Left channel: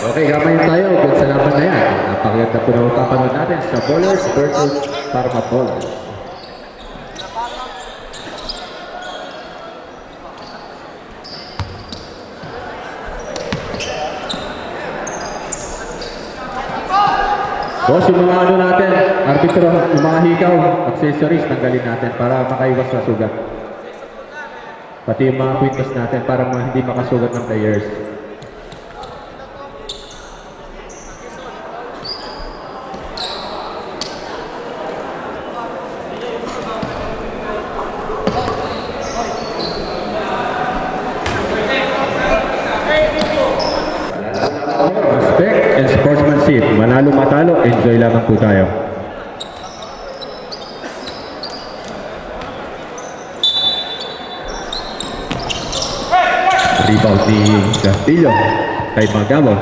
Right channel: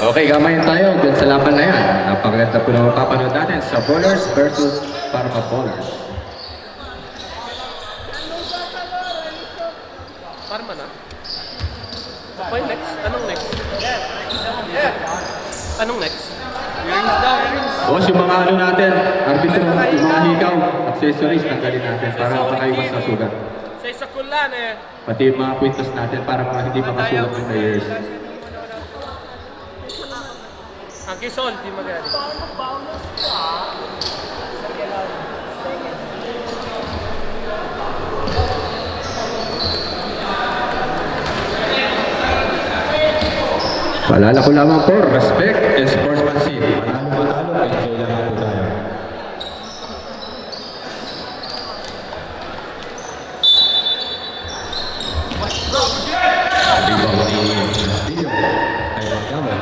Okay, gamayin tayo dun sa laban na yan. Napakaganda po na mapapanood natin sa Bowlers versus Parma Bowlers. Parma na. Okay, next. Anong next? Anong next? Boss, yung mga ano natin, arbitro, yung mga hikaw, accessories, tanggalin natin para makaiwas sa sugat. Sa isa kulan eh. Pati yung mga quintos natin para hindi makasugat ng players. Ang kisol, di maganda. Paalala ko lamang po, respect and sportsmanship. Manalo matalo, enjoy lamang po tayo. Rebound ni Castillo kay Magabo.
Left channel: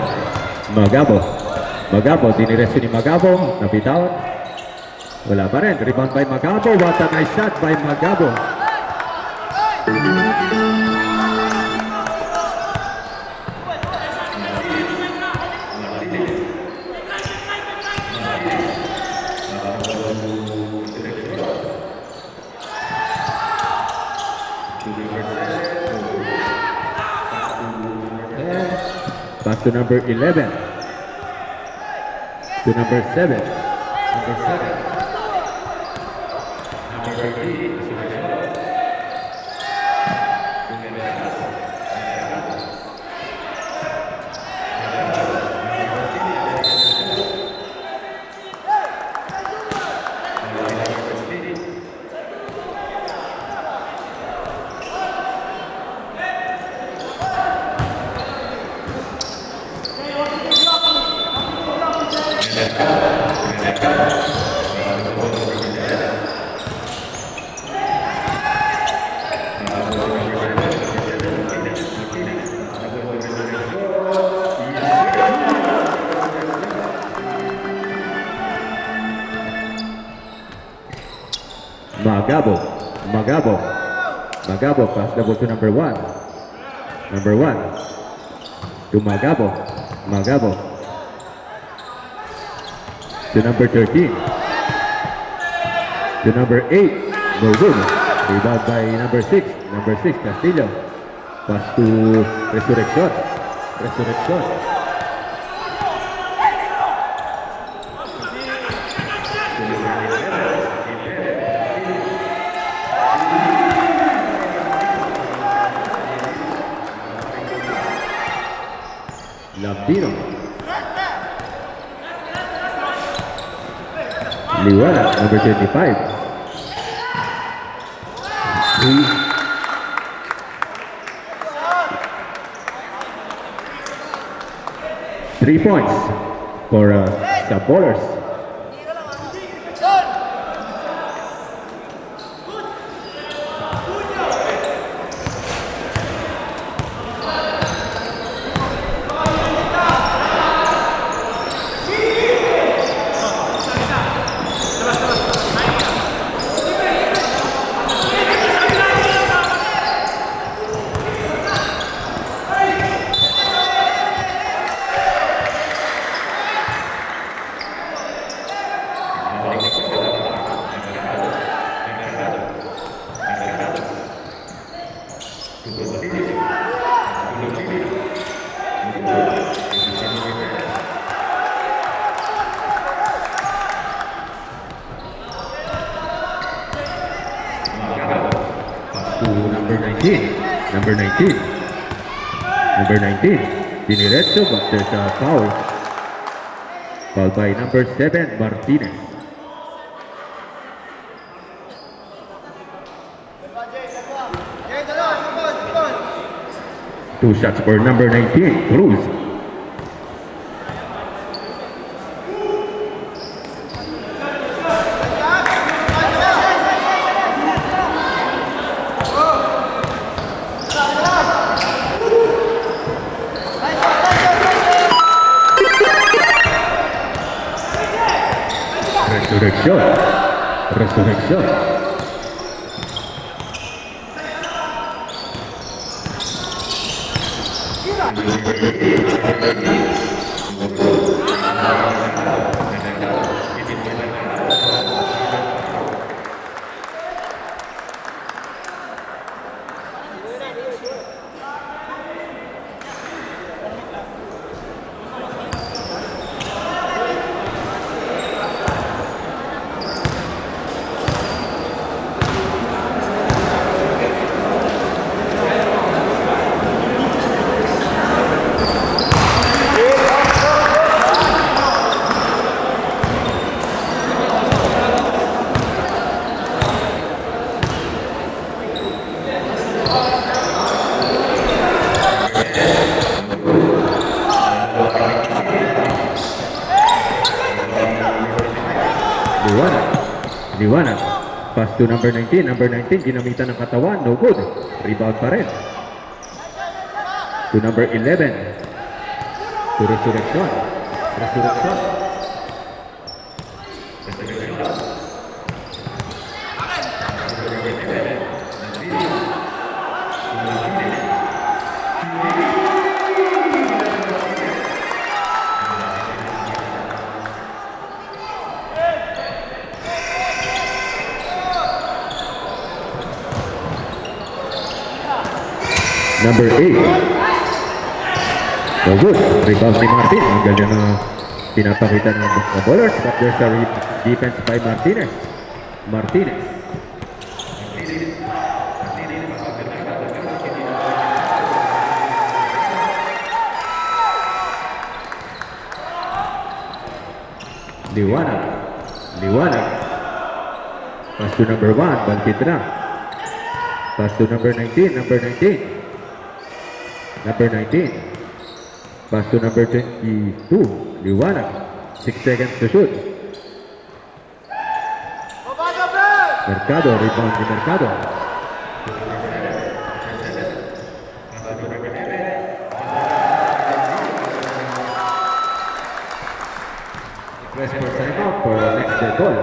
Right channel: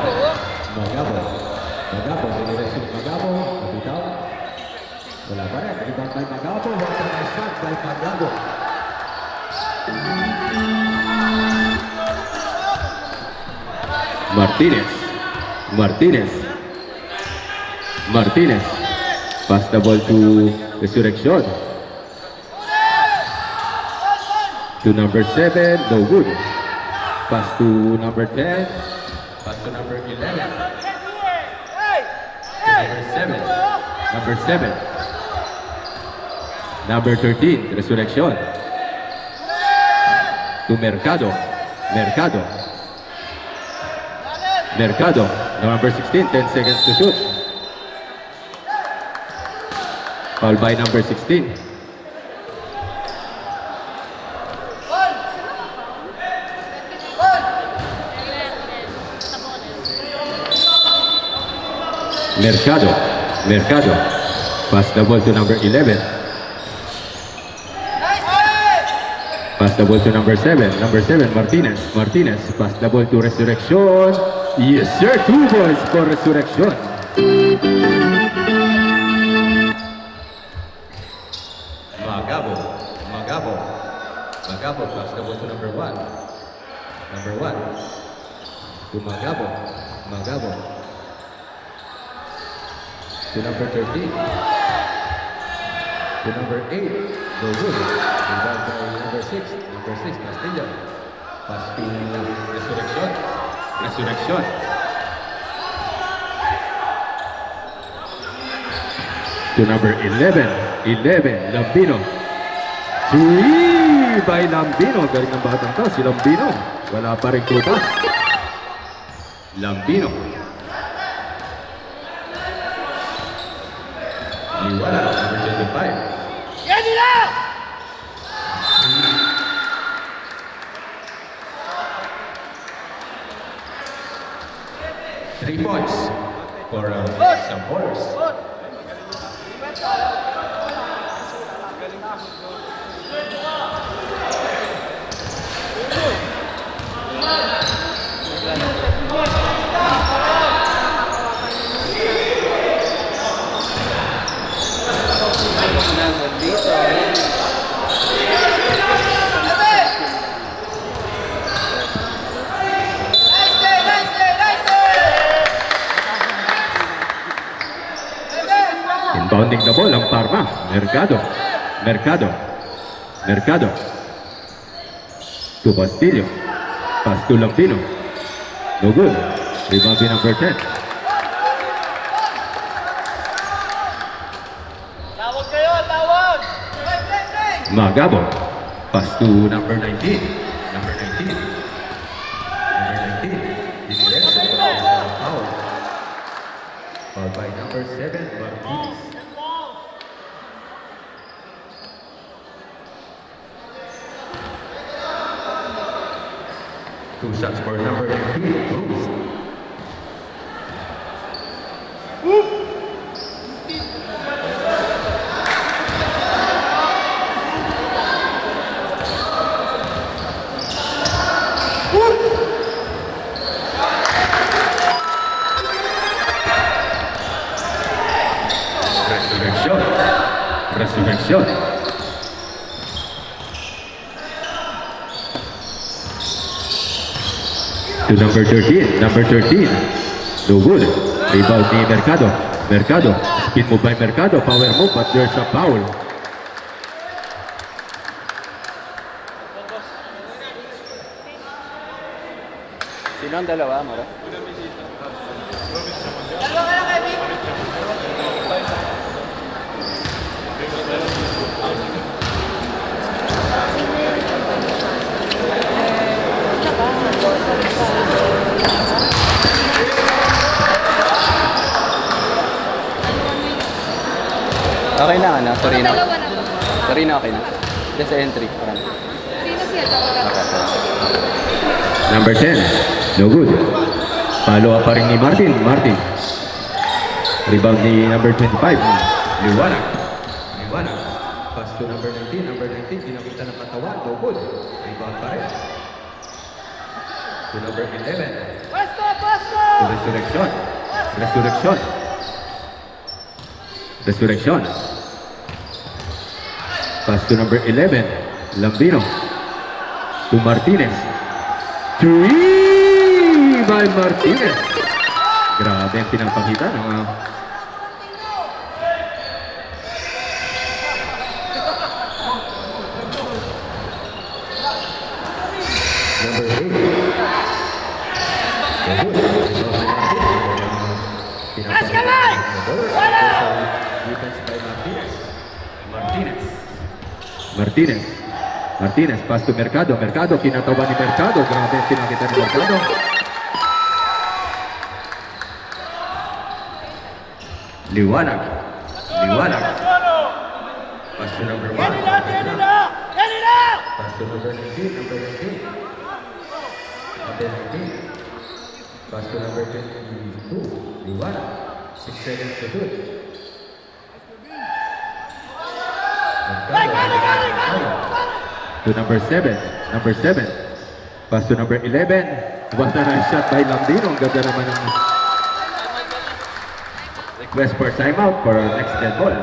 Magabo, diniretso ni Magabo, nabitawan. Wala pa rin, rebound by Magabo. What a nice shot by Magabo. Martinez. Pass the ball to Resurrection. To number 7, no good. Pass to number 10. Pass to number 11. To number 7. Number 13, Resurrection. To Mercado. Number 16, 10 seconds to shoot. Foul by number 16. Mercado. Pass the ball to number 11. Pass the ball to number 7. Martinez. Pass the ball to Resurrection. Yes, sir. 2 balls for Resurrection. Magabo. Pass the ball to number 1. To Magabo. To number 13. To number 8. No good. Rebound by number 6. Castillo. Pass to Resurrection. To number 11. Lambino. By Lambino. Dahil ang bahat nito, si Lambino. Wala pa rin tutas. Lambino. Liwana, number 25. 3 points for the Bowlers. Inbounding the ball ang Parma. Mercado. To Bastillo. Pass to Lambino. No good. Rebound by number 10. Magabo. Pass to number 19. Diniretso, but there's a foul. Foul by number 7, Martinez. Two shots for number 19, Cruz. Resurrección. To number 13. No good. Rebound ni Mercado. Mercado. Speed move by Mercado. Power move, but there's a foul. Sino ang dalawa mo? Okay na, ano? Torino. Torino, okay na. Just entry. Number 10. No good. Follow up pa rin ni Martin. Martin. Rebound ni number 25. Liwanag. Liwanag. Pass to number 19. Number 19. Ginamitan ng katawan. No good. Rebound pa rin. To number 11. To Resurrection. Resurrection. Resurrection. Pass to number 11. Lambino. To Martinez. Three by Martinez. Grabe ang pinapakita ng number 8. So good. Rebound ni Martin. Ang ganyang pinapakita ng mga ballers. But there's a defense by Martinez. Martinez. Martinez. Martinez, pass to Mercado. Mercado, kinatawa ni Mercado. Grabe ang pinakita ni Mercado. Liwanag. Liwanag. Pass to number 1. Bangkit na. Pass to number 19. Number 19. Number 19. Pass to number 22. Liwanag. 6 seconds to shoot. Mercado, rebound ni Mercado. To number 7. Number 7. Pass to number 11. Basta na shot by Lambino. Ang ganda naman ng request for timeout for next dead ball.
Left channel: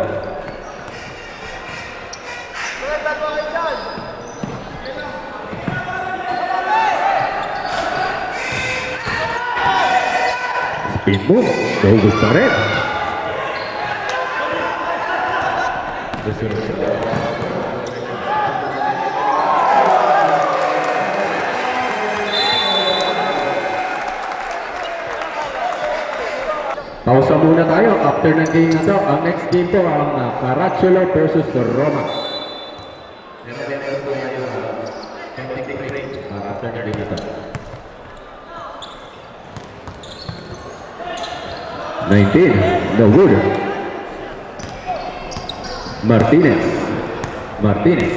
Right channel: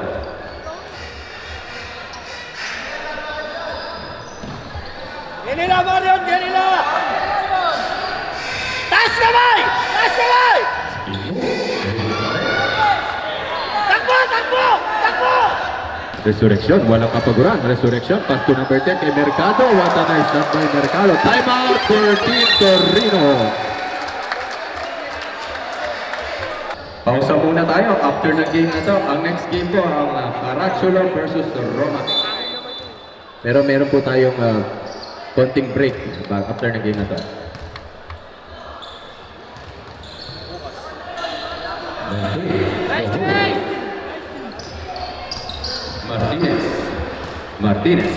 Kanina, Marion! Kanina! Taas kamay! Taas kamay! Speed move. Nahugot pa rin. Takbo! Takbo! Takbo! Resurrection. Walang kapaguran. Resurrection. Pass to number 10 kay Mercado. Basta na shot by Mercado. Timeout for Team Torino. Pausa muna tayo. After ng game na to, ang next game po ang Caracciolo versus Roma. Pero meron po tayong konting break after ng game na to. 19. No good. Martinez. Martinez.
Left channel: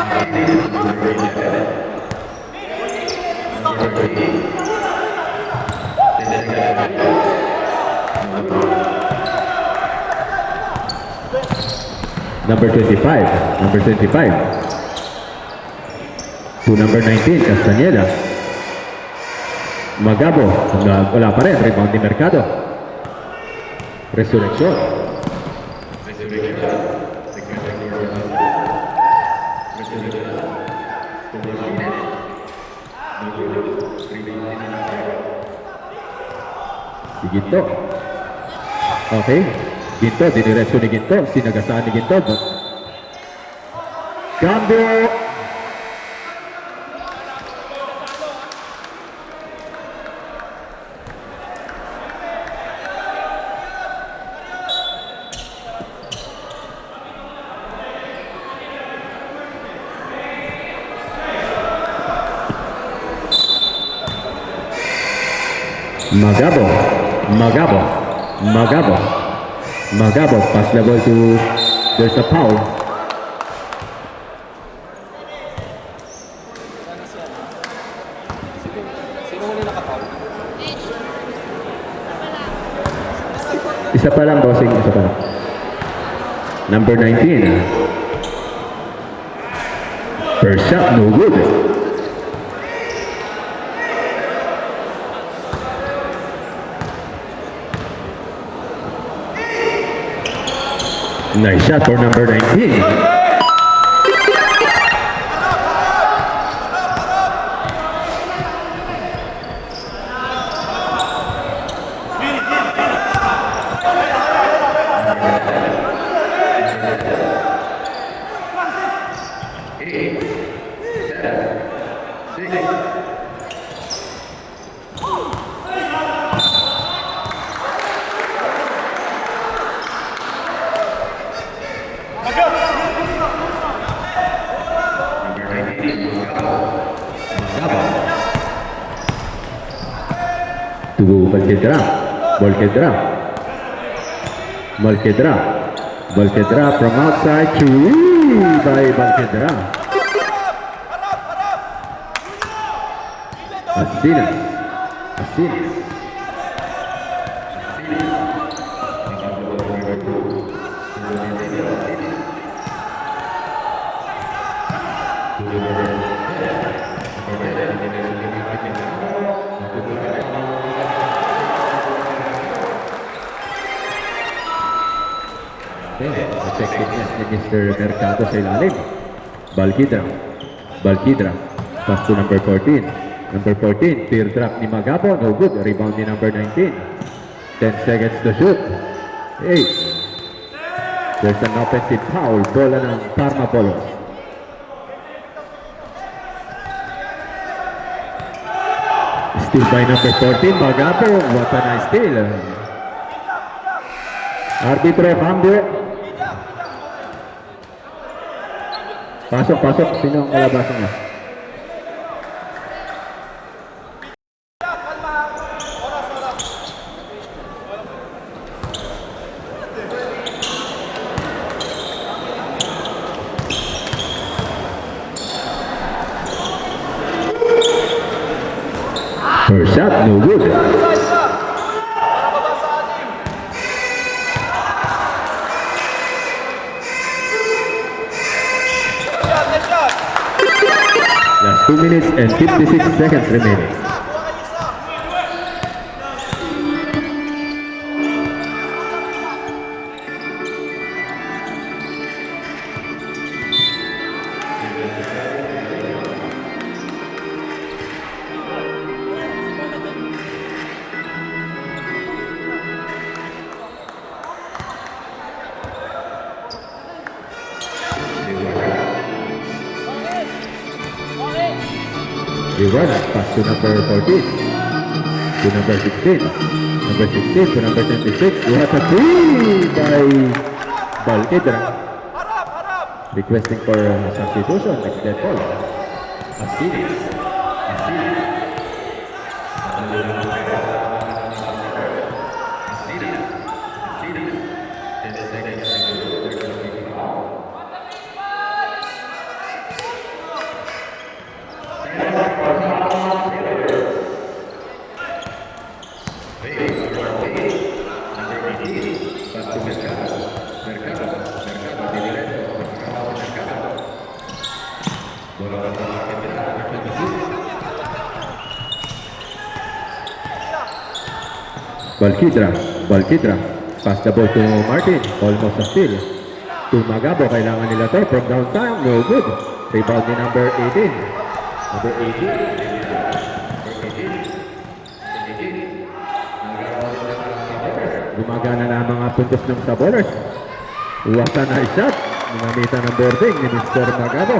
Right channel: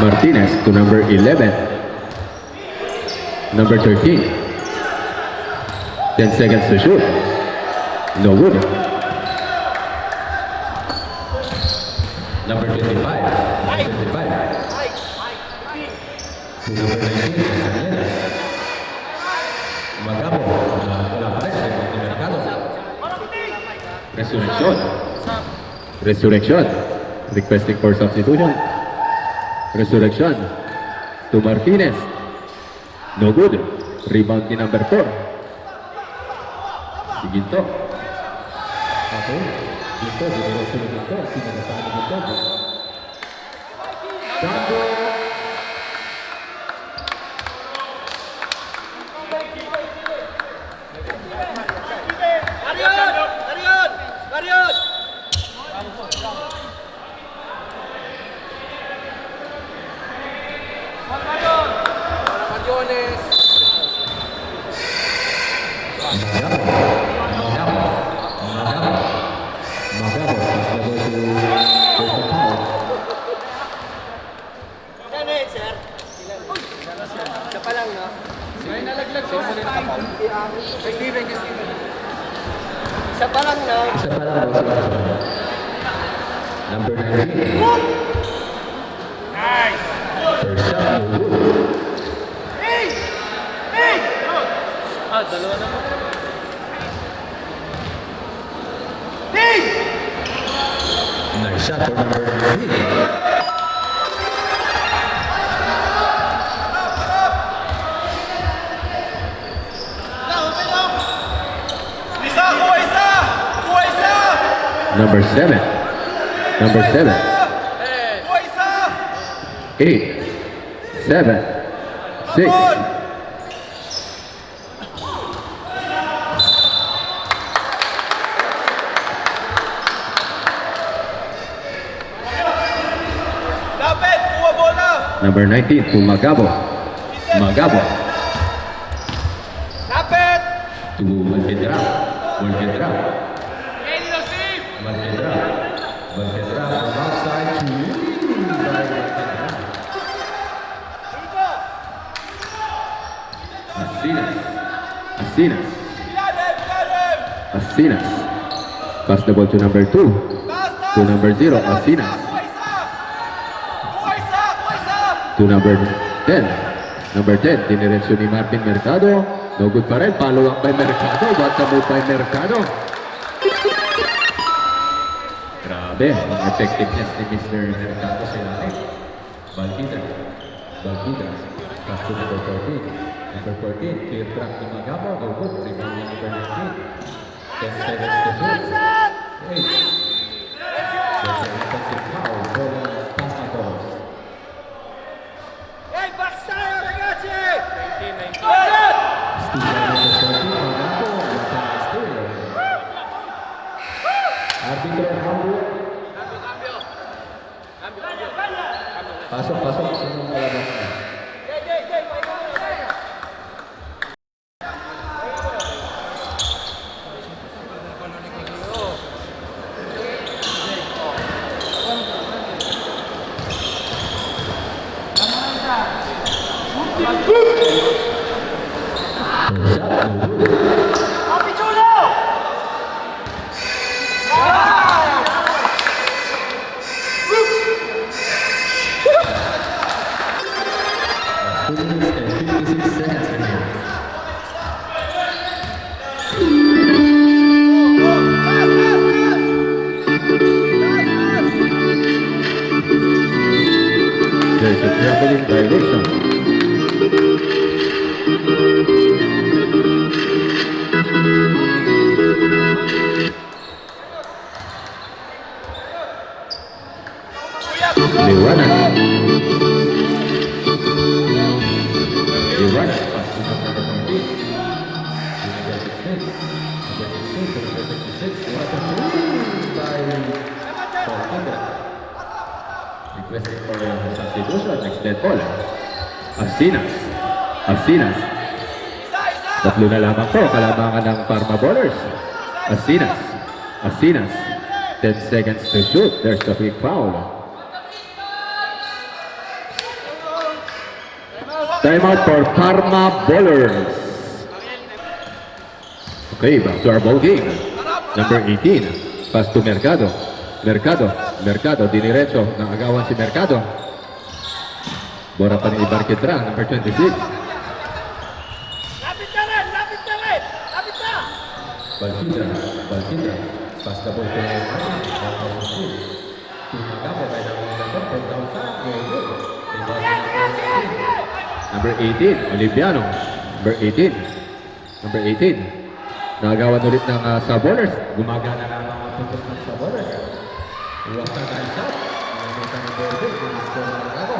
Martinez to number 11. Number 13. 10 seconds to shoot. No good. Number 25. Number 25. To number 19. Castañeda. Magabo. Wala pa rin. Rebound ni Mercado. Resurrection. Resurrection. Requesting for substitution. Resurrection. To Martinez. No good. Rebound ni number 4. Si Ginto. Okay. Ginto. Diniretso ni Ginto. Sinagasaan ni Ginto. Cambio. Marion! Marion! Marion! Magabo. Magabo. Magabo. Magabo. Pass level to... There's a foul. Yan eh, sir. Isa pa lang, no? Sino muna nakapal? Isa pa lang, no? Isa pa lang, bossing. Isa pa lang. Number 19. First shot, no good. Nice shot for number 19. Number 7. Number 7. 8. 7. 6. Lapit! Kuha bola! Number 19 to Magabo. Magabo. Lapit! To Balquedra. Balquedra. Balquedra. Balquedra from outside. Three by Balquedra. Asinas. Asinas. Asinas. Pass the ball to number 2. To number 0. Asinas. To number 10. Number 10. Diniretso ni Martin Mercado. No good pa rin. Paluwang by Mercado. Bata mo by Mercado. Grabe. Ang effectiveness ni Mr. Mercado sa ilalim. Balquidra. Balquidra. Pass to number 14. Number 14. Tear drop ni Magabo. No good. Rebound ni number 19. 10 seconds to shoot. 8. There's an offensive foul. Bola ng Parma Polo. Hey, box tayo! Ragazzi! Steal by number 14, Magabo. What a nice steal. Arbitro, cambio. Pasok, pasok. Sino ang kalabasan niya? First shot, no good. Last 2 minutes and 56 seconds remaining. There's a traveling violation. Liwanag, pass to number 14, to number 16, number 16 to number 26. What a three by Balquidra. Requesting for substitution. It's dead ball. Asinas. Asinas. Tatlo na lamang to. Kalamangan ng Parma Ballers. Asinas. Asinas. 10 seconds to shoot. There's the quick foul. Timeout for Parma Ballers. Okay, back to our ball game. Number 18. Pass to Mercado. Mercado. Mercado. Diniretso. Nakagawan si Mercado. Bora pa rin ni Balquidra. Number 26. Balquidra. Balquidra. Pass the ball to Martin. Almost a steal. To Magabo. Kailangan nila to. From downtown. No good. Rebound ni number 18. Number 18, Oliviano. Number 18. Number 18. Nagawan ulit ng Sabolers. Gumagana na ang mga puntos ng Sabolers. What a nice shot. Ginamitan ng boarding ni Mr. Magabo.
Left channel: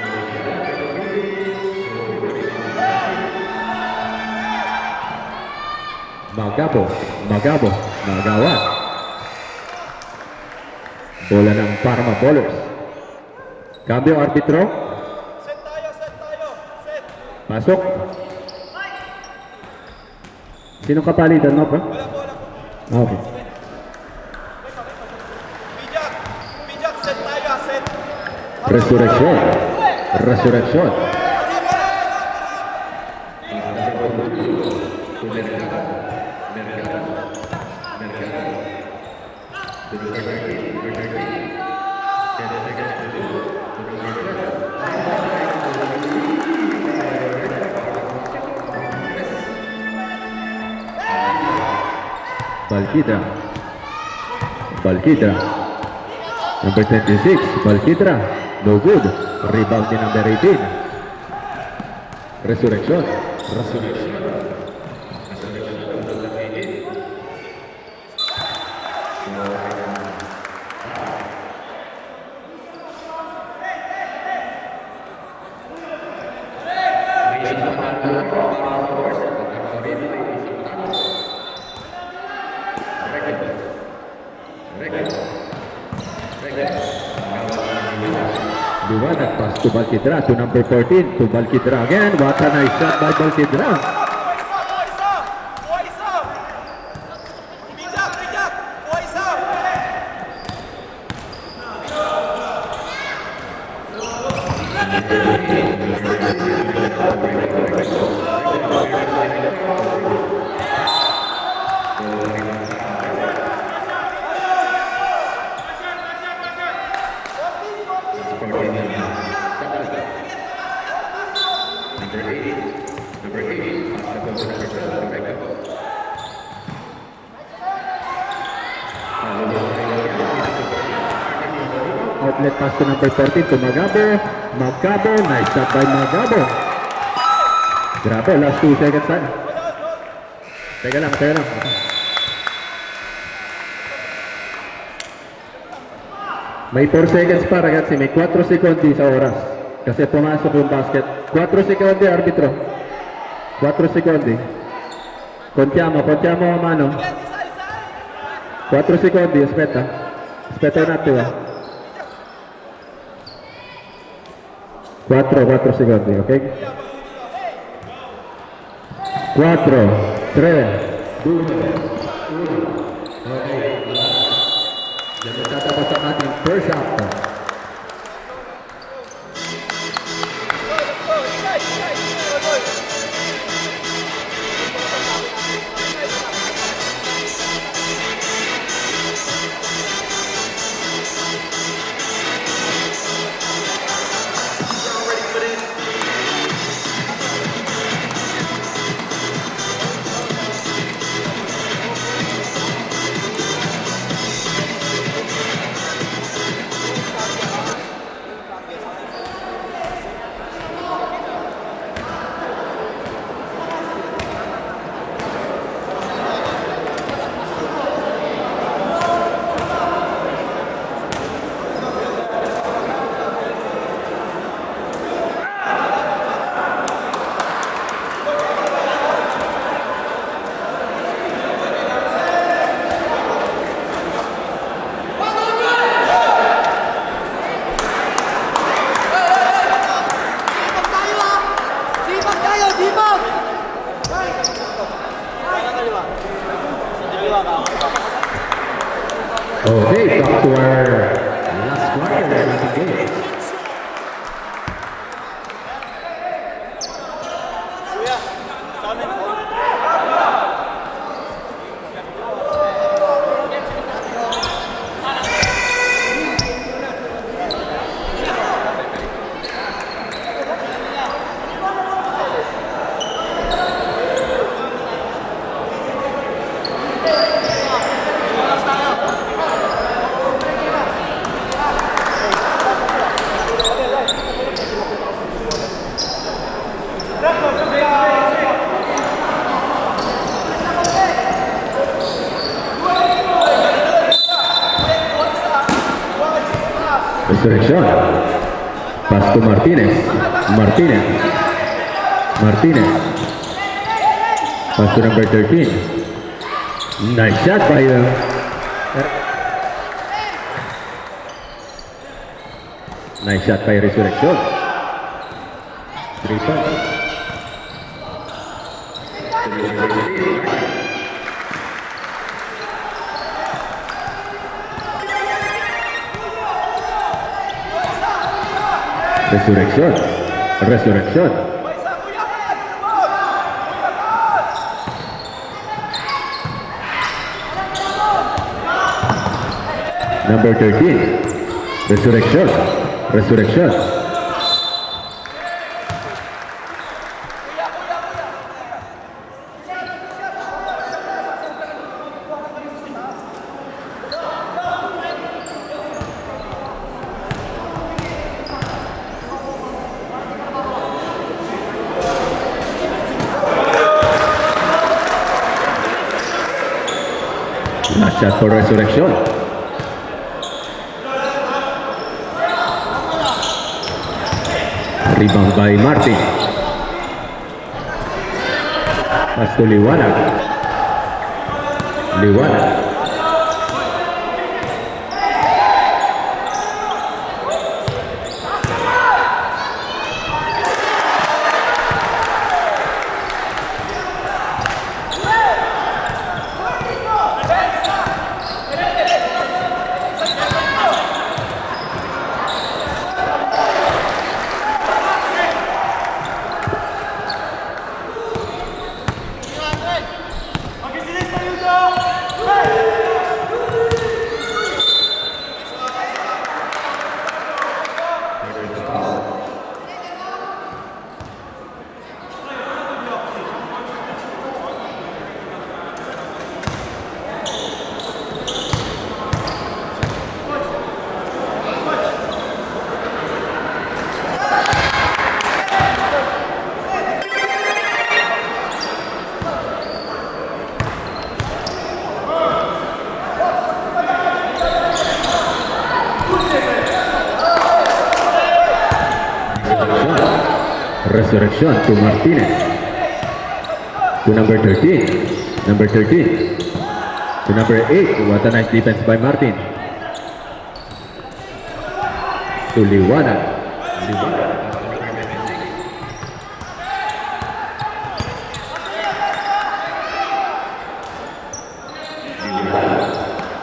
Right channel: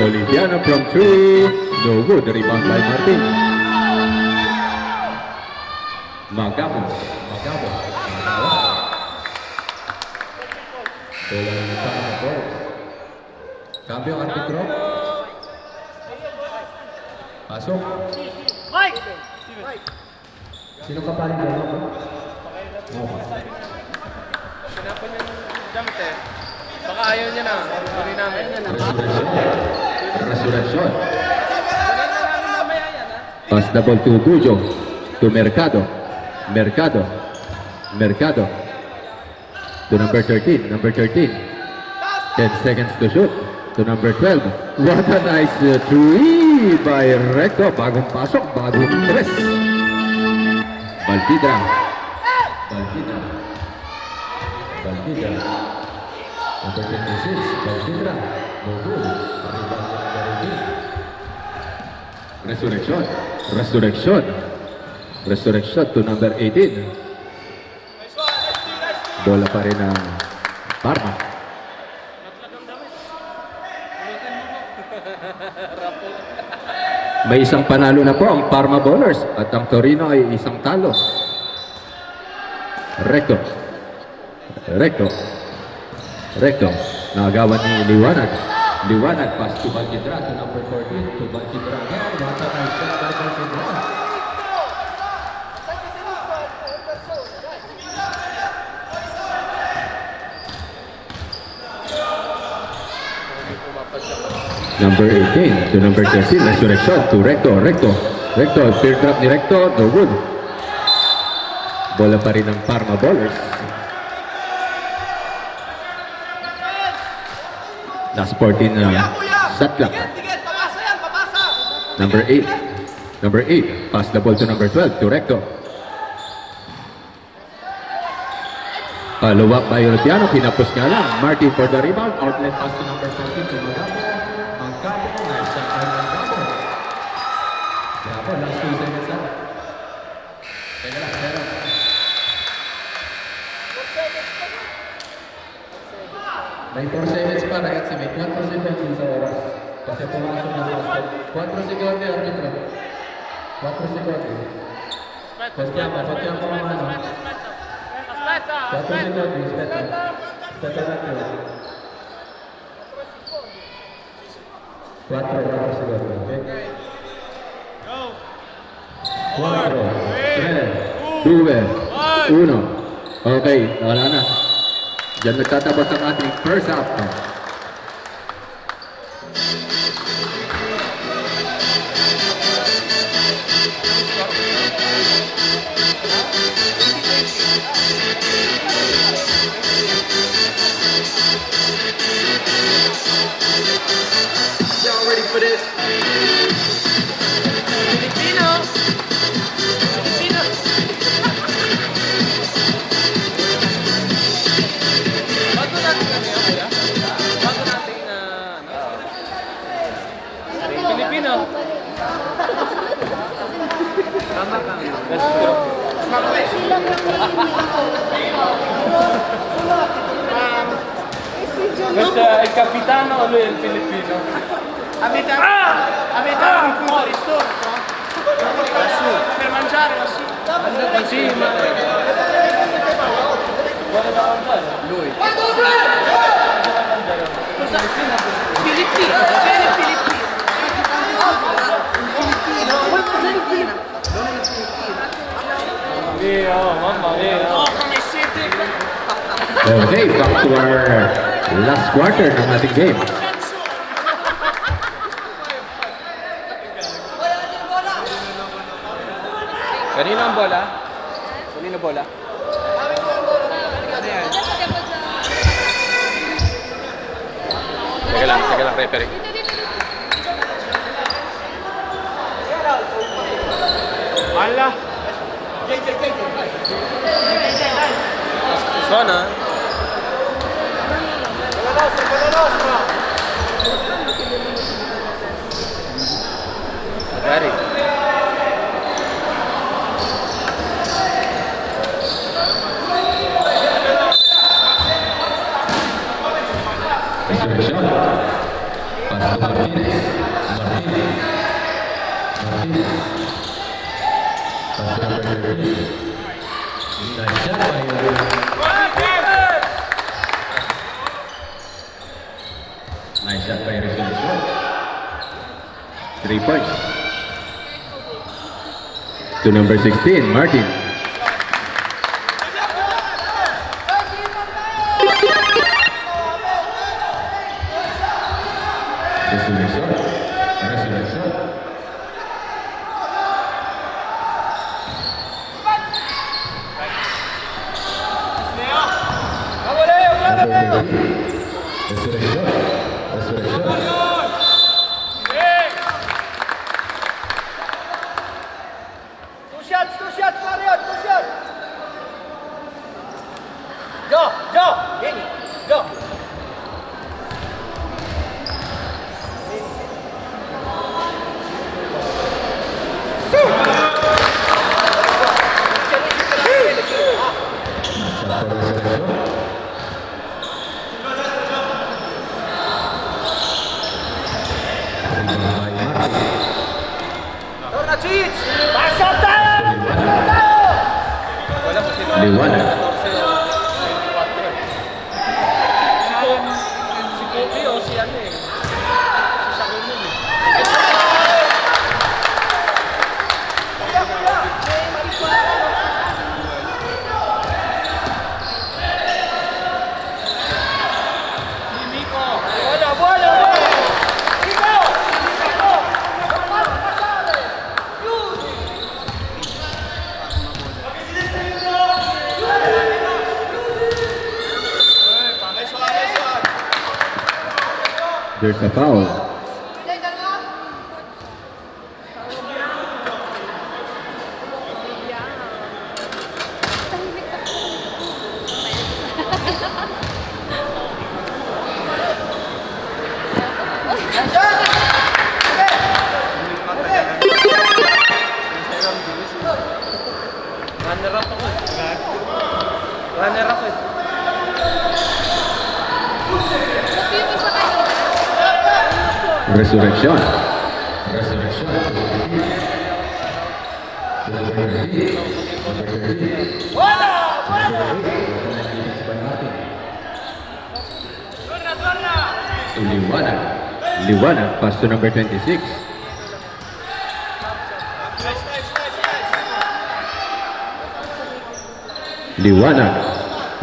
Oliviano from 3. No good. Rebound by Martin. Magabo, Magabo, Magawa. Bola ng Parma Ballers. Cambio arbitro. Pasok. Sino kapalitan mo, bro? Okay. Ayaw niya na. Sorry namin. Resurrection. Resurrection. Pass the ball to Bujo. To Mercado. Mercado. Mercado. To number 13. Number 13. 10 seconds to shoot. To number 12. What a nice three by Reco. Bagong pasok. Bagong press. Balquidra. Balquidra. Balquidra. Number 26, Valkidra. No good. Rebound ni number 18. Resurrection. Resurrection. Resurrection to number 18. Bola pa rin ang Parma. May isang panalo na po ang Parma Bowlers at ang Torino ay isang talo. Recto. Recto. Recto. Nagawan ni Liwanag. Liwanag pass to Valkidra to number 14. To Valkidra again. What a nice shot by Valkidra. Number 18 to number 13. Resurrection to Recto. Recto. Recto. Third drop ni Recto. No good. Bola pa rin ng Parma Bowlers. Last 14 na shot clock. Number 8. Number 8. Pass the ball to number 12. To Recto. Luwak by Europeano. Pinapos na lang. Martin for the rebound. Outlet pass to number 14 to Magabo. Magabo. Nice shot by Magabo. Grabe. Last 2 seconds na. Teka lang. Teka lang. May 4 seconds pa ragazzi, may 4 secondi sa oras. Kasi pumasok yung basket. 4 secondi, arbitro. 4 secondi. Contiamo a mano. 4 secondi, aspetta. Aspetta un attimo. 4 secondi, ok? 4, 3, 2, 1. Ok, wala na. Diyan nagtatapos ang ating first half. Y'all ready for this? Filipino. Basta il capitano o lui è il Filipino? A metà. A metà fuori, sto. Per mangiare su. Okay, back to our last quarter ng ating game. Kanino ang bola? Kanino bola? Teka lang, Pepe. Zona. Resurrection. Pass to Martinez. Martinez. Martinez. Pass to number 13. Nice shot by nice shot by Resurrection. 3 points. To number 16, Martin. Resurrection. Resurrection. Number 13. Resurrection. Resurrection. Go! Shot for Resurrection. Rebound by Martin. Pass to Liwanag. Liwanag. There's a foul. Resurrection to Martinez. To number 13. Number 13. To number 8. What a nice defense by Martin. To Liwanag. Liwanag. Pass to number 26. Liwanag.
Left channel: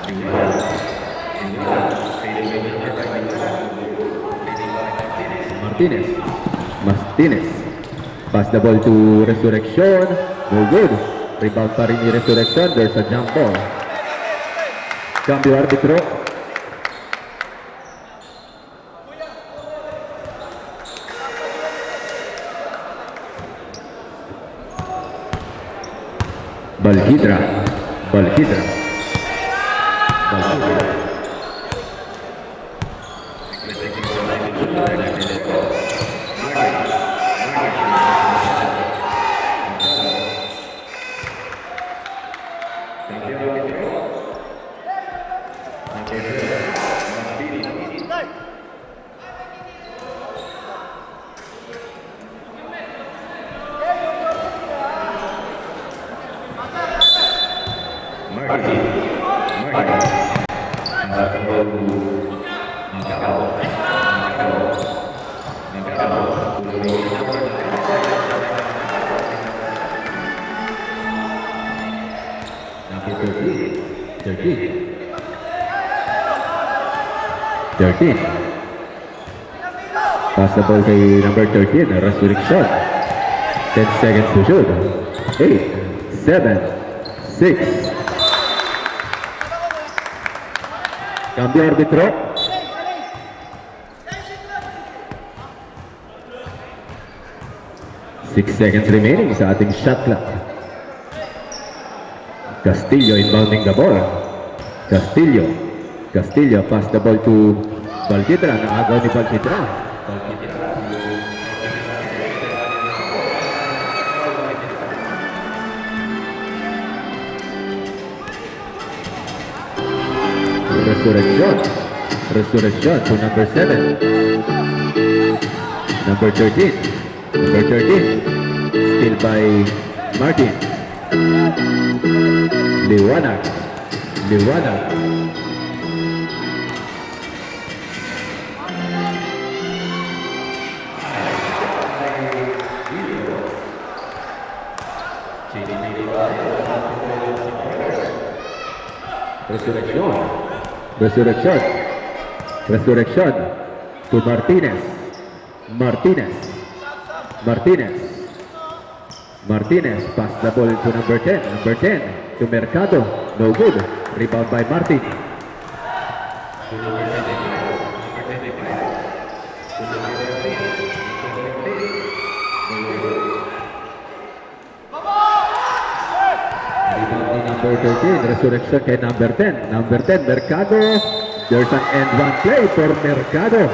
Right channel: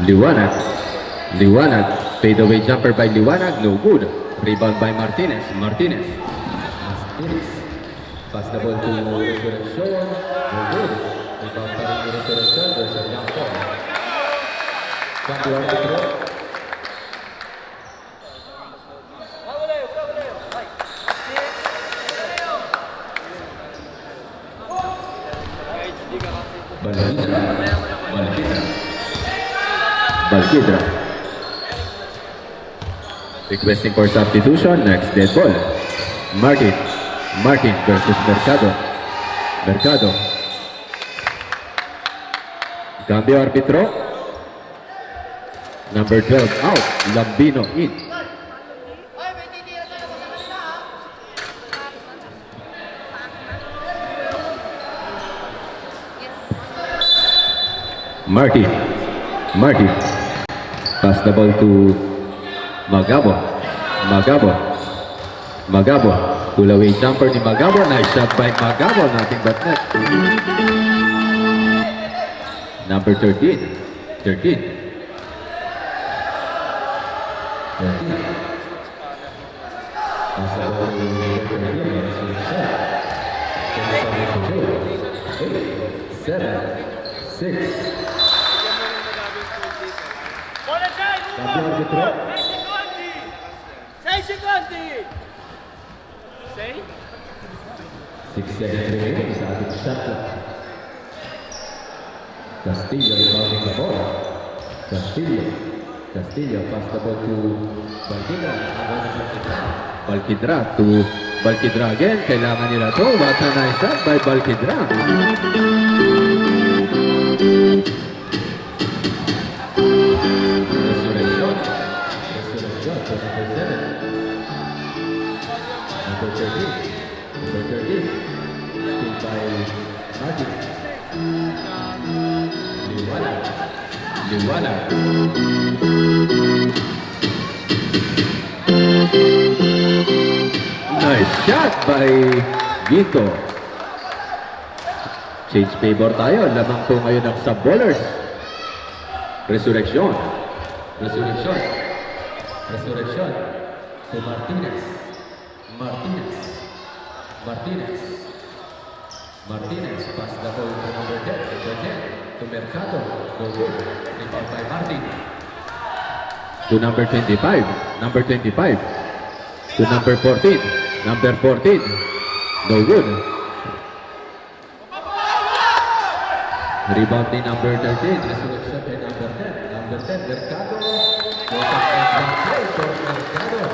Liwanag. Liwanag. Fade away jumper by Liwanag. No good. Rebound by Martinez. Martinez. Pass the ball to Resurrection. No good. Rebound pa rin ni Resurrection. There's a jump ball. Cambio arbitro. Balhidra. Requesting for substitution. Next dead ball. Martin versus Mercado. Cambio arbitro. Number 12 out. Lambino in. Martin. Pass the ball to Magabo. Pull away jumper ni Magabo. Nice shot by Magabo. Nothing but net. Number 13. Pass the ball kay number 13. Resurrection. 10 seconds to shoot. 8, 7, 6. Cambio arbitro. 6 seconds remaining sa ating shot clock. Castillo inbounding the ball. Castillo pass the ball to Balquidra. Nakagaw ni Balquidra. Balquidra again. Kailangan nila to. What a nice shot by Balquidra. Resurrection to number 7. Number 13. Still by Martin. Liwanag. Nice shot by Vito. Change favor tayo. Lamang po ngayon ang sub-ballers. Resurrection to Martinez. Pass the ball to number 10 to Mercado. No good. Rebound by Martin. To number 25. To number 14. No good. Rebound ni number 13. Resurrection kay number 10. Mercado. There's an end one play for Mercado.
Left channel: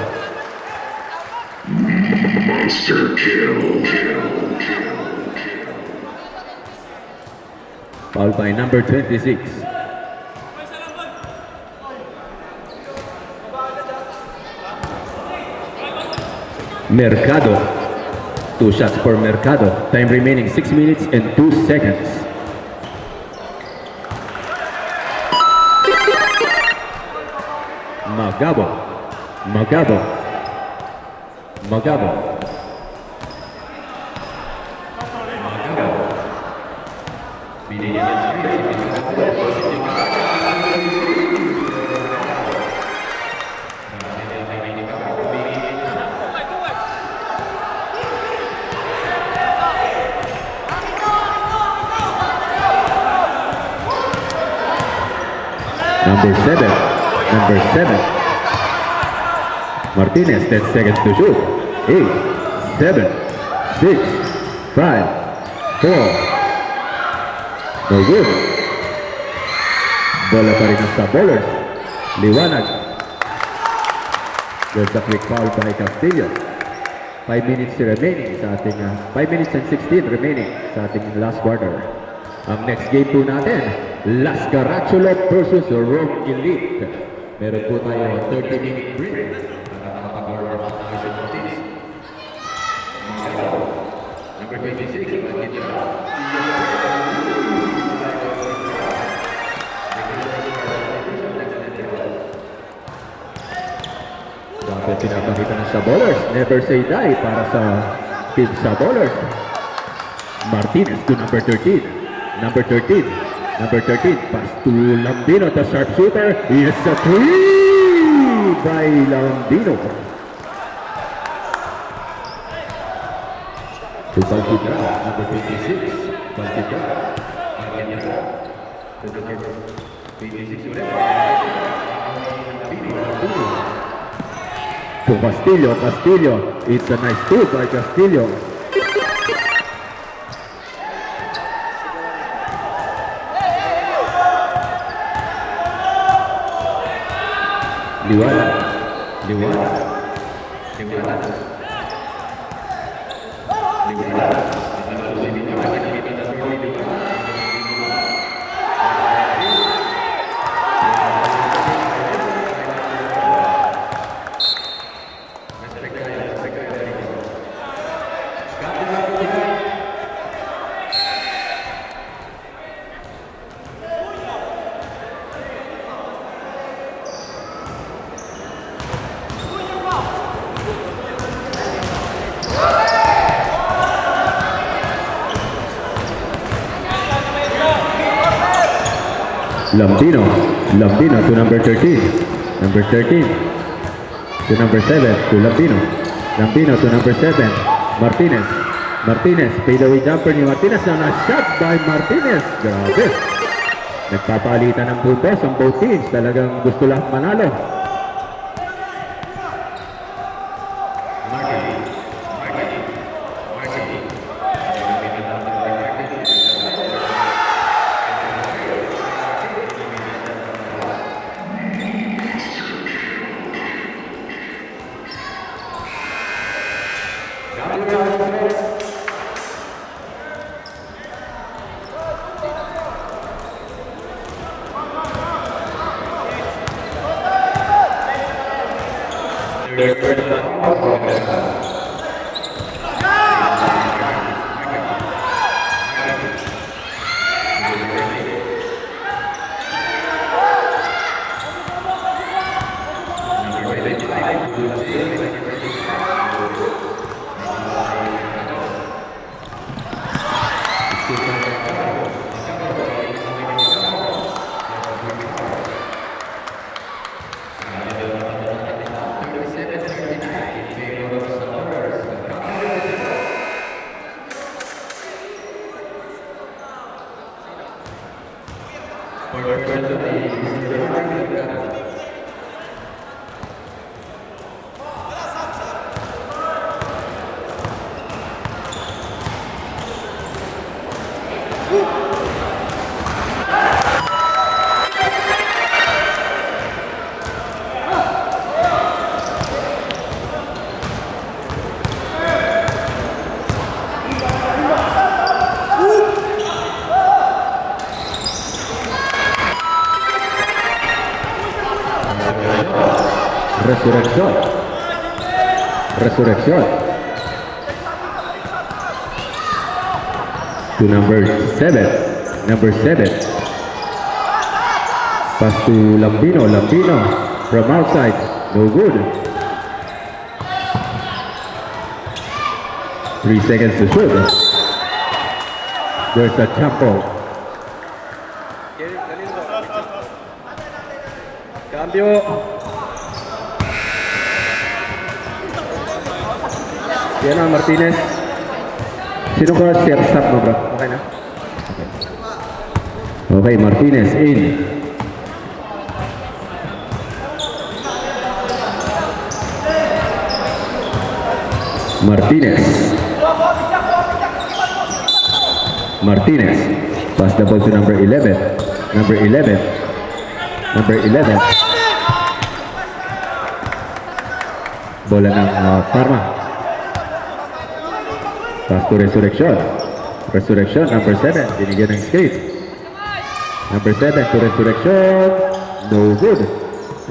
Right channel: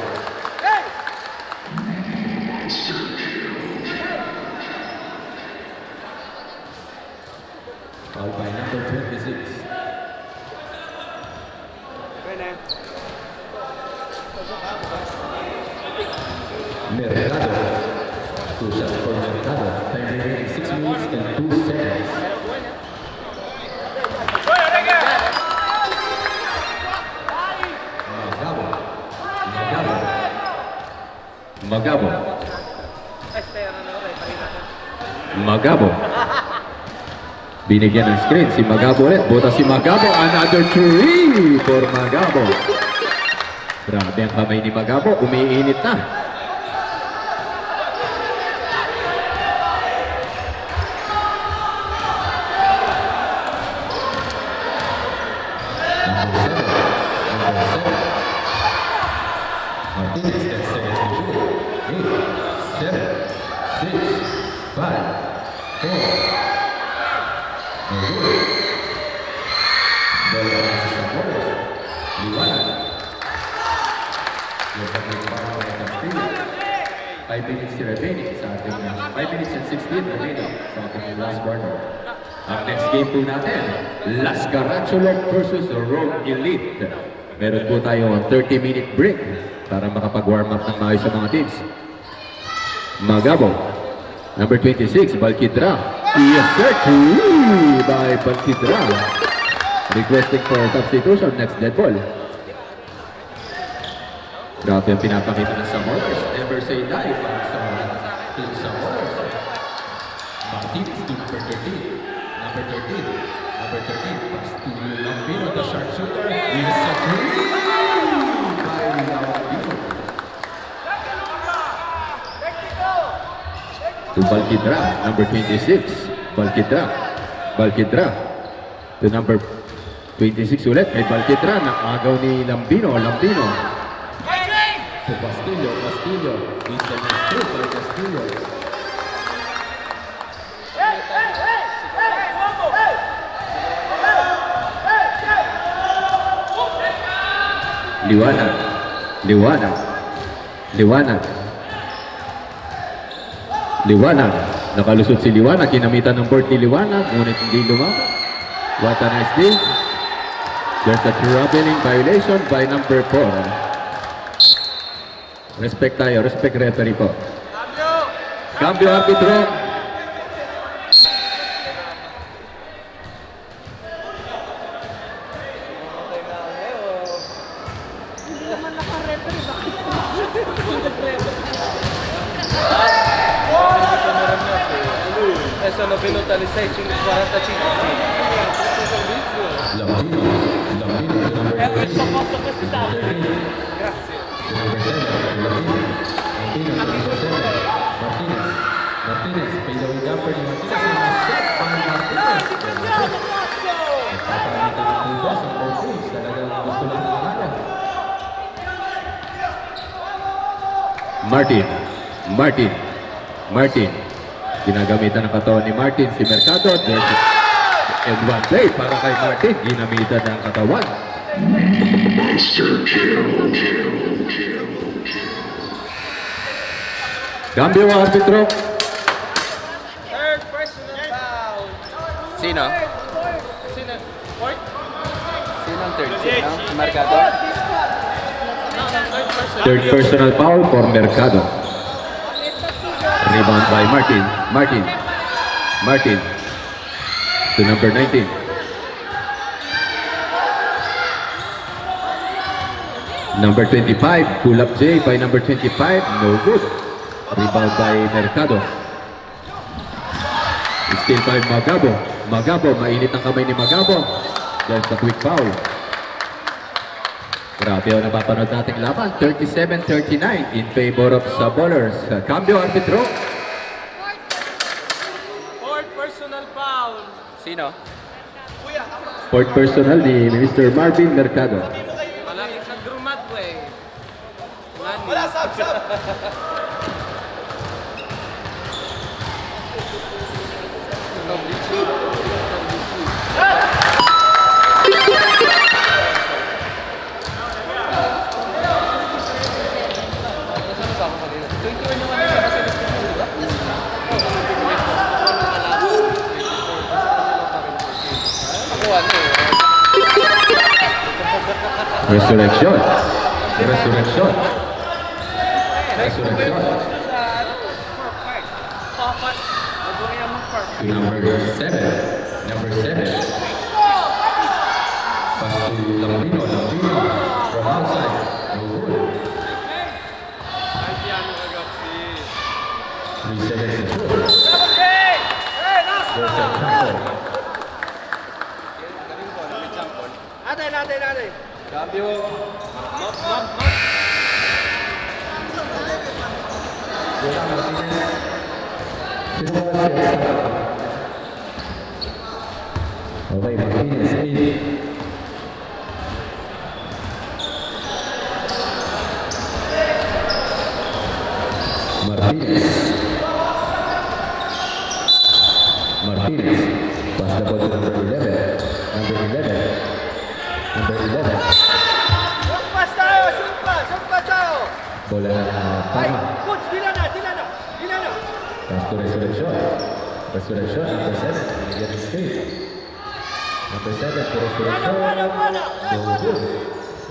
Monster kill. Foul by number 26. Mercado. 2 shots for Mercado. Time remaining 6 minutes and 2 seconds. Magabo. Magabo. Magabo. Magabo. Binigyan ng screen si Magabo ulit. Buta si Magabo. Another 3 for Magabo. Grabe ang kamay ni Magabo. Umiinit na. Number 7. Number 7. Martinez, 10 seconds to shoot. 8, 7, 6, 5, 4. No good. Bola pa rin sa bowlers. Liwanag. There's a quick foul by Castillo. 5 minutes remaining sa ating 5 minutes and 16 remaining sa ating last quarter. Ang next game po natin, Las Carachulo versus Rome Elite. Meron po tayo 30-minute break para makapag-warm up ng maayos sa mga teams. Magabo, number 26, Balquidra. Yes, sir, 2 by Balquidra. Requested for substitution, next dead ball. Grabe ang pinapakita ng Sabolers. Never say die para sa team Sabolers. Martinez to number 13. Number 13. Number 13. Pass to Lambino, the sharpshooter. Is a 3 by Lambino. To Balquidra, number 26. Balquidra. Balquidra. To number 26 ulit. May Balquidra. Nakagaw ni Lambino. Lambino. To Castillo. Castillo. It's a nice 2 by Castillo. Liwanag. Liwanag. Liwanag. Liwanag. Nakalusot si Liwanag. Kinamitan ng board ni Liwanag. Ngunit hindi lumabas. What a nice game. There's a traveling violation by number 4. Respect tayo. Respect referee po. Cambio arbitro. Lambino. Lambino to number 13. Number 13. To number 7. To Lambino. Lambino to number 7. Martinez. Martinez. Fadeaway jumper ni Martinez na na-shot by Martinez. Grabe. Nagpapalitan ng puntos ang both teams. Talagang gusto lahat manalo. Martin. Martin. Martin. Ginagamitan ng katawan ni Martin. Si Mercado. And one play para kay Martin. Ginamitan ng katawan. Monster kill. Cambio ang arbitro. Sino? Mercado. Third personal foul for Mercado. Rebound by Martin. Martin. Martin. To number 19. Number 25. Pull up J by number 25. No good. Rebound by Mercado. Still by Magabo. Magabo. Mainit ang kamay ni Magabo. Just a quick foul. Grabe ang napapanood natin laban. 37-39 in favor of Sabolers. Cambio arbitro. Fourth personal foul. Sino? Fourth personal ni Mr. Marvin Mercado. Malapit sa Drew Matway. Wala, sab, sab. Resurrection. Resurrection. Resurrection. to number 7. Number 7. Pass to Lambino. Lambino from outside. No good. 3 seconds to shoot. There's a tackle. Cambio. Yan ang Martinez. Sino ko share stop mo bro? Okay na? Okay, Martinez in. Martinez. Martinez. Pass the ball to number 11. Number 11. Number 11. Bola ng Parma. Pass to Resurrection. Resurrection, number 7. Binigyan ng skate. Number 7 to Resurrection. No good.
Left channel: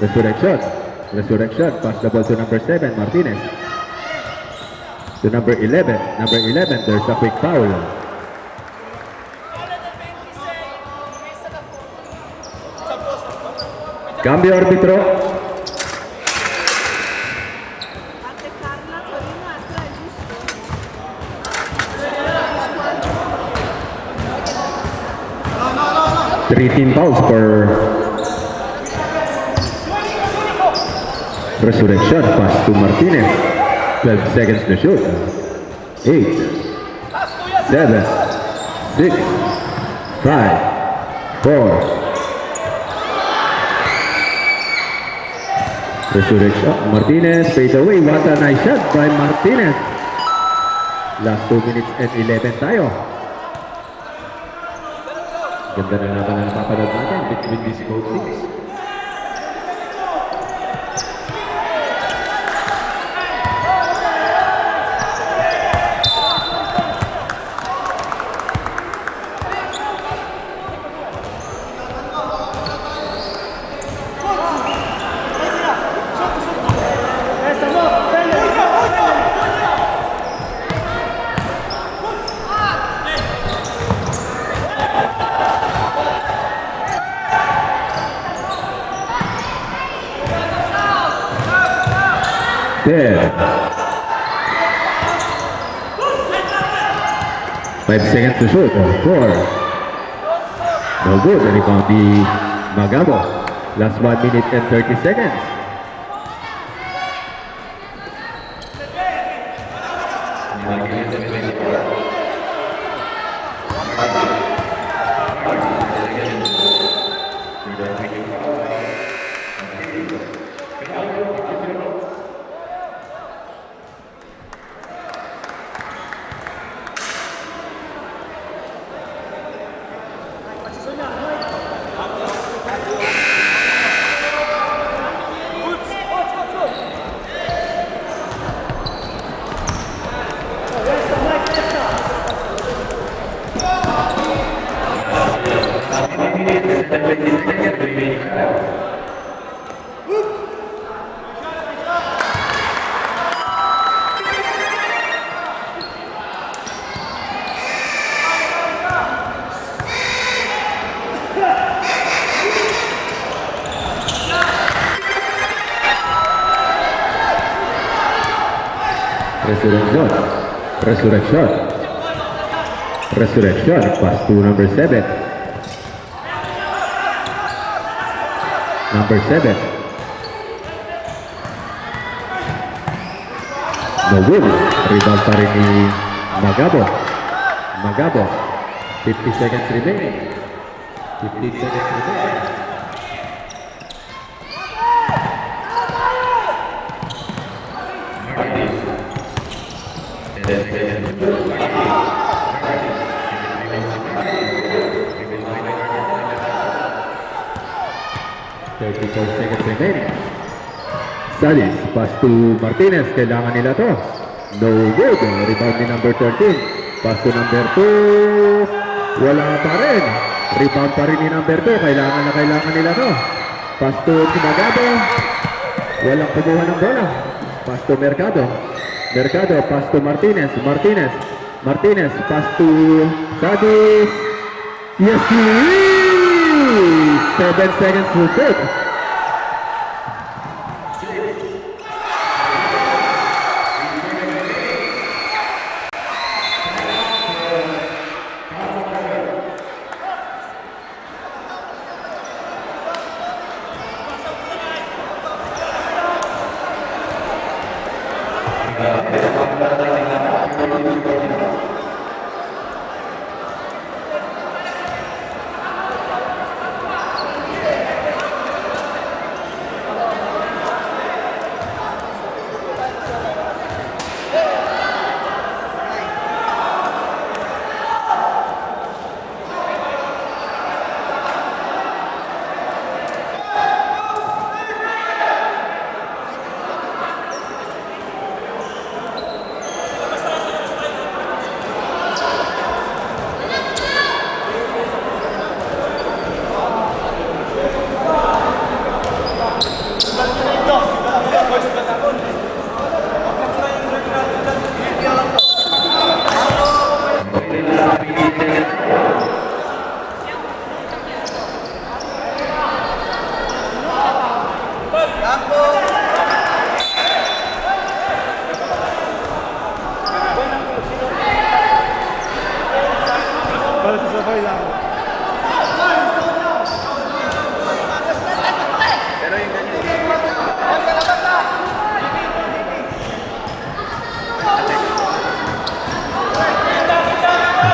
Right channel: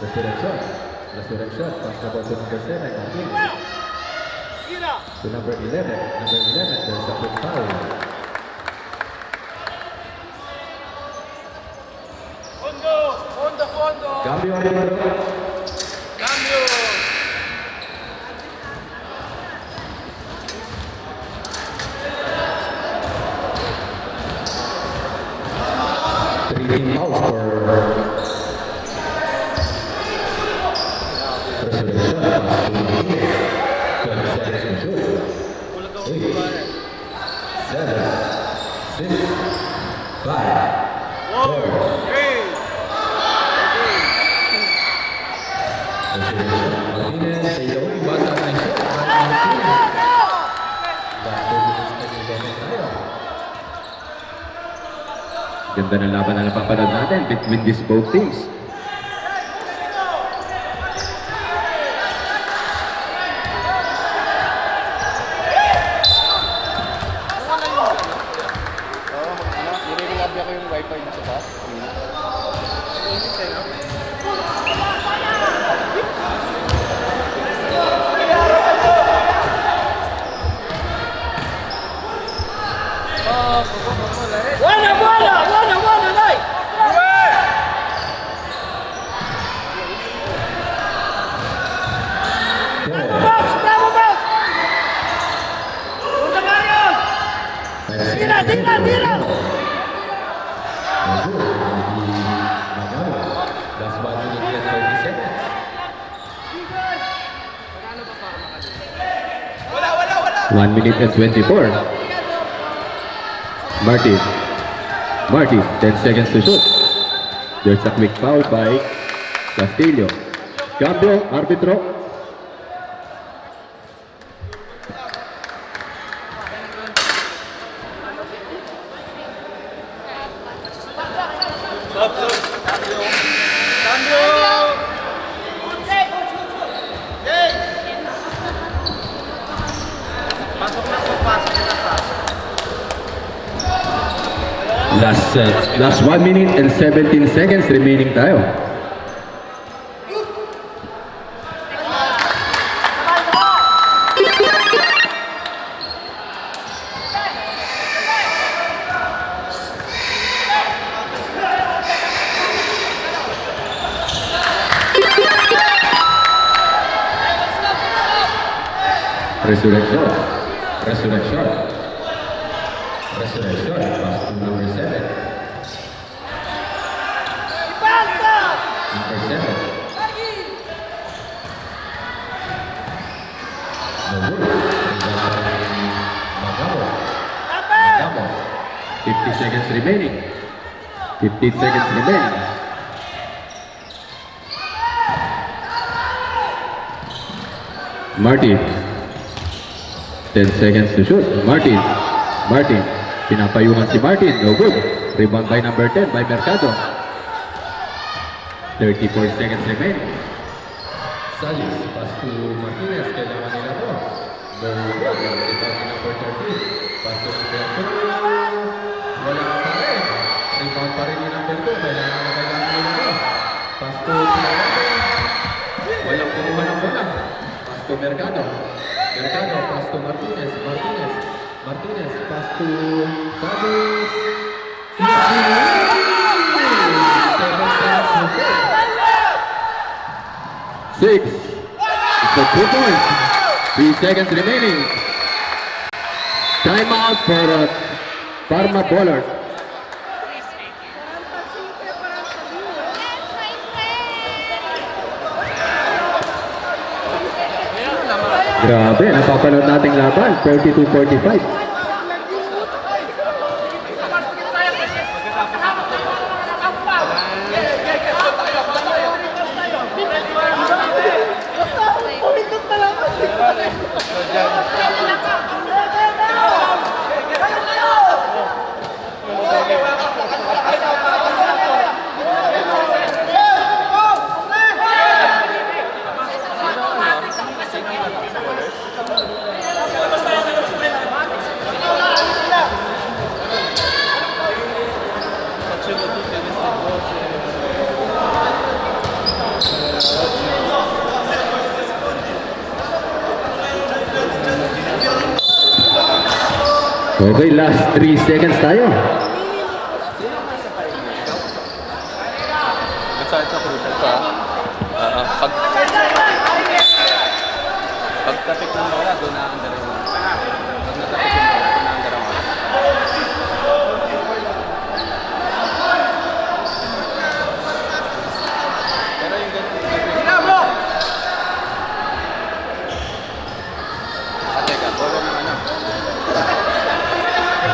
Resurrection. Resurrection. Pass the ball to number 7. Martinez. To number 11. Number 11, there's a quick foul. Cambio arbitro. Three-team fouls for Resurrection. Pass to Martinez. 12 seconds to shoot. 8, 7, 6, 5, 4. Resurrection. Martinez fade away. What a nice shot by Martinez. Last 2 minutes and 11 tayo. Ganda ng laban na napapanood natin between these both teams. Ten. 5 seconds to shoot. Score. No good. Rebound di Magabo. Last 1 minute and 30 seconds. One minute and 24. Martin. Martin. 10 seconds to shoot. There's a quick foul by Castillo. Cambio. Arbitro. Last 1 minute and 17 seconds remaining tayo. Resurrection. Resurrection. Resurrection. Pass to number 7. Number 7. No good. Rebound pa rin ni Magabo. Magabo. 50 seconds remaining. 15 seconds remaining. Martin. 10 seconds to shoot. Martin. Martin. Pinapayungan si Martin. No good. Rebound by number 10 by Mercado. 34 seconds remaining. Salis, pass to Martinez. Kailangan nila to. No good. Rebound ni number 13. Pass to number 2. Wala pa rin. Rebound pa rin ni number 2. Kailangan nila to. Pass to Magabo. Walang kumuha ng bola. Pass to Mercado. Mercado, pass to Martinez. Martinez. Martinez, pass to Sadis. Yes, 7 seconds to take. 6. It's a 2 points. 3 seconds remaining. Timeout for Parma Pollard. Grabe, napapanood nating laban, 42-45. Okay, last 3 seconds tayo.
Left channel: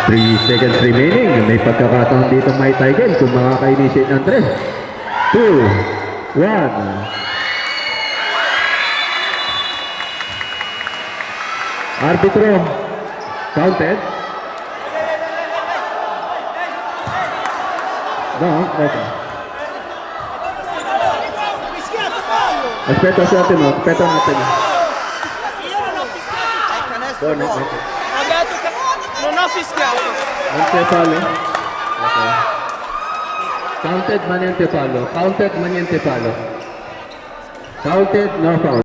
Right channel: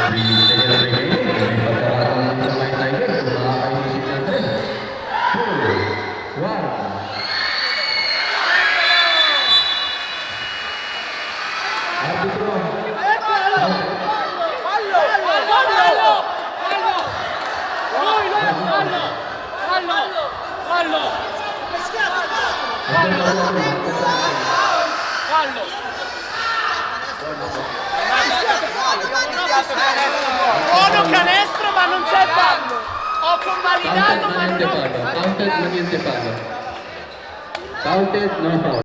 Three seconds remaining. May pagkakataon dito may Tiger kung makaka-initiate ng 3. 2, 1. Arbitro. Counted. No, okay. Respeto sa atin mo. Respeto natin. Canestro ma non c'è fallo. Ho convalidato. Counted, ma niente fallo. Counted, ma niente fallo. Counted, no foul.